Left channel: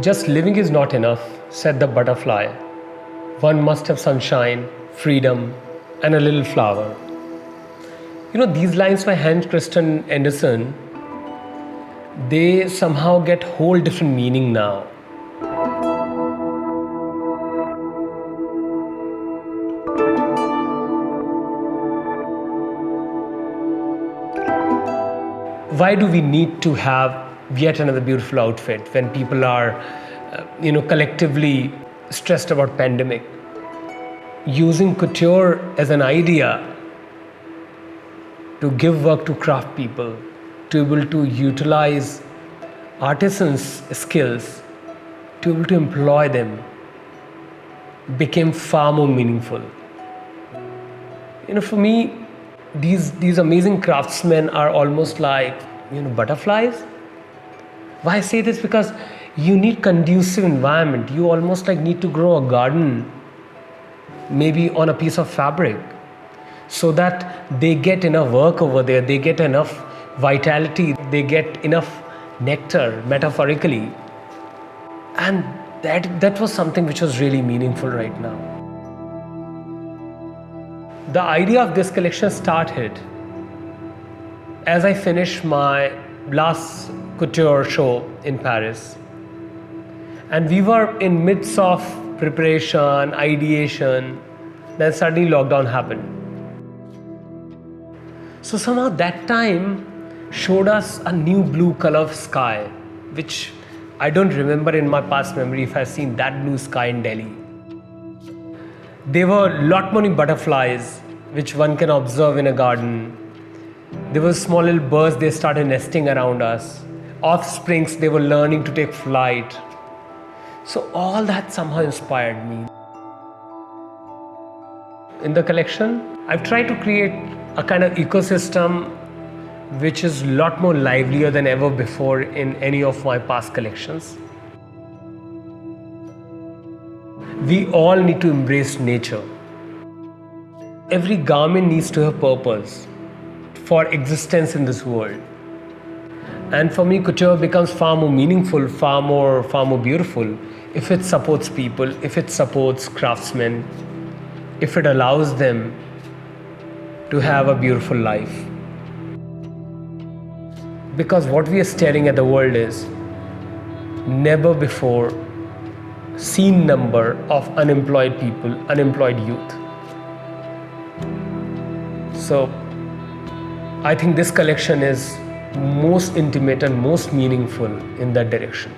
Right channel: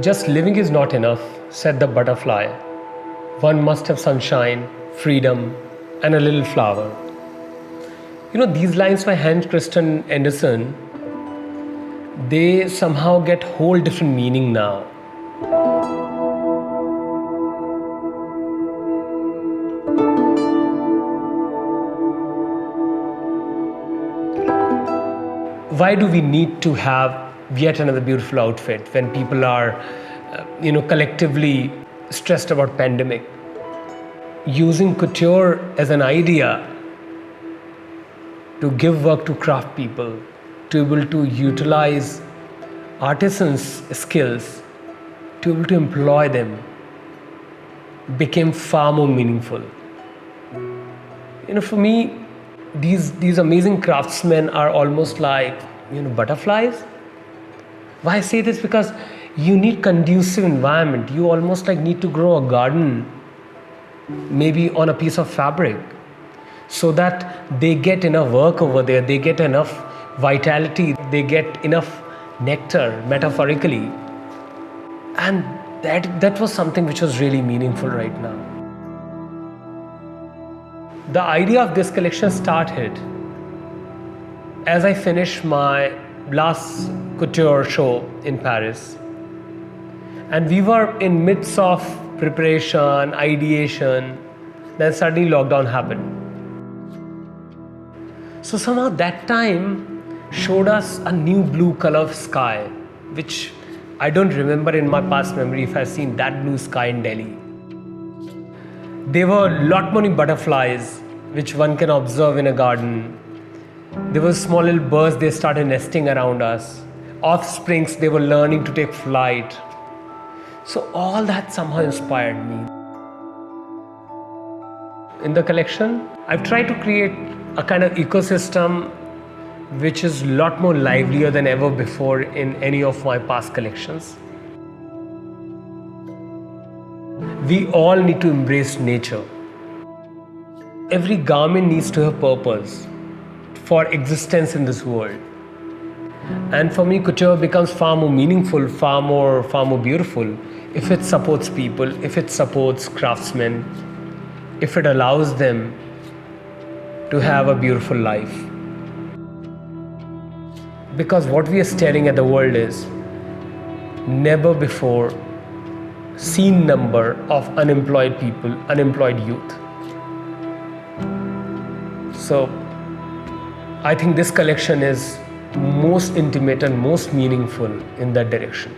Just living is not enough, said the butterfly. One must have sunshine, freedom, and a little flower. These lines by Hans Christian Andersen, they somehow get whole different meaning now. Why do we need to have yet another beautiful outfit when people are, collectively stressed about pandemic? Using couture as an idea to give work to craft people, to be able to utilize artisans' skills, to be able to employ them, became far more meaningful. For me, these amazing craftsmen are almost like butterflies. Why I say this? Because you need conducive environment. You almost like need to grow a garden, maybe on a piece of fabric, so that they get enough work over there, they get enough vitality, they get enough nectar, metaphorically. And that was something which was really meaningful right now. The idea of this collection started as I finished my last couture show in Paris. And we were in midst of preparation, ideation, then suddenly lockdown happened. So somehow that time showed us a new blue color of sky, which I don't remember in my past memory if I've seen that blue sky in Delhi. There were a lot many butterflies which one can observe in a garden. There were small little birds, they started nesting around us. Offsprings, they were learning to take flight. So all that somehow inspired me. In the collection, I've tried to create a kind of ecosystem which is a lot more livelier than ever before in any of my past collections. We all need to embrace nature. Every garment needs to have purpose for existence in this world. And for me, couture becomes far more meaningful, far more beautiful if it supports people, if it supports craftsmen, if it allows them to have a beautiful life. Because what we are staring at the world is never before seen number of unemployed people, unemployed youth. So I think this collection is most intimate and most meaningful in that direction.